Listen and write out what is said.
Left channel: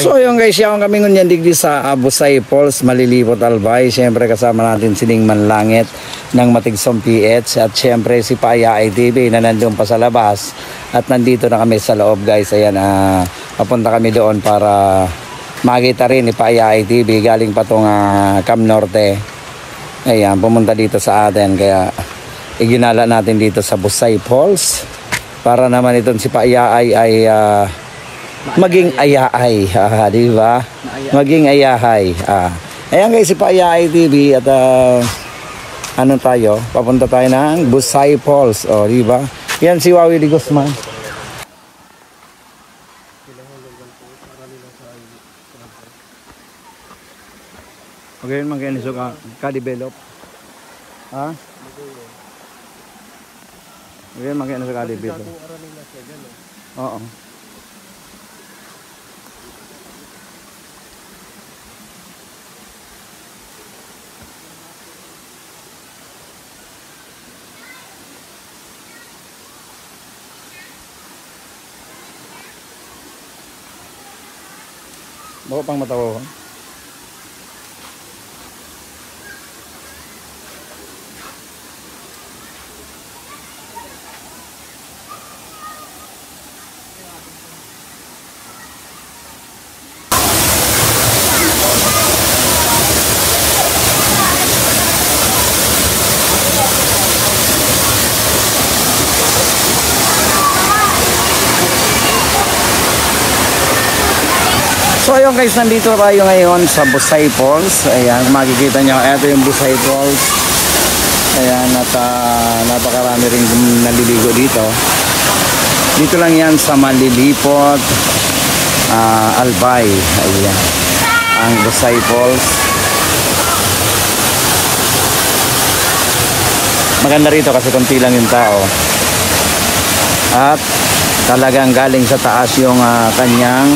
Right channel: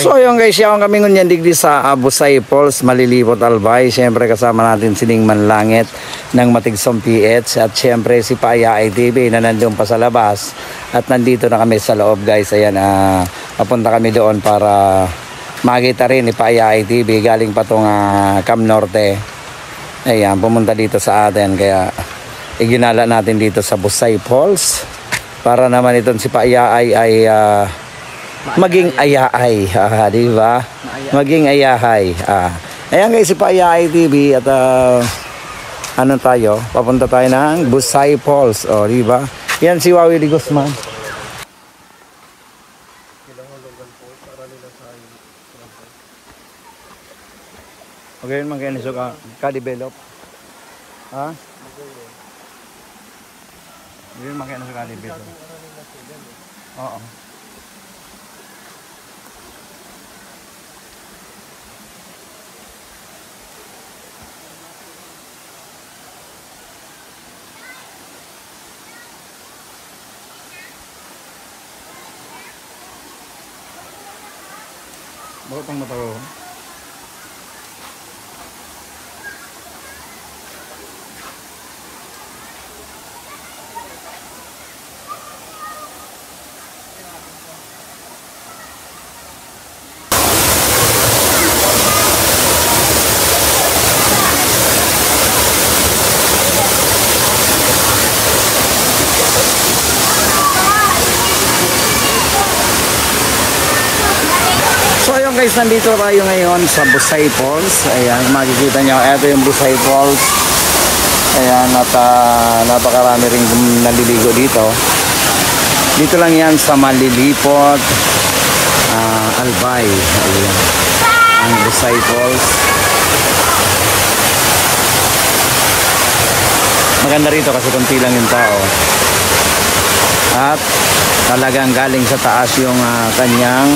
So yung guys, yung kami ngunyan digdi sa Busay Falls, Malilipot Albay. Siyempre kasama natin si Ningman Langit ng Matigsong PH at siyempre si Paaya ITV na nandun pa sa labas. At nandito na kami sa loob guys. Ayan, napunta kami doon para makita rin ni Paaya ITV. Galing pa itong Cam Norte. Ayan, pumunta dito sa atin. Kaya iginala natin dito sa Busay Falls. Para naman itong si Paaya ay maging ayahay, di ba? Maging ayahay. Ayan guys, si Paaya ITV at ano tayo? Papunta tayo ng Busay Falls, di ba? Yan si Wawi de Guzman. Okay, magkano siya ka-develop? Ha? Okay, magkano siya ka-develop? Oo. Baka pang matawa ko. So ayun guys, nandito tayo ngayon sa Busay Falls. Ayan, makikita nyo, ito yung Busay Falls. Ayan, at napakarami rin naliligo dito. Dito lang yan sa Malilipot Albay. Ayan, ang Busay Falls. Maganda rito kasi konti lang yung tao. At talagang galing sa taas yung kanyang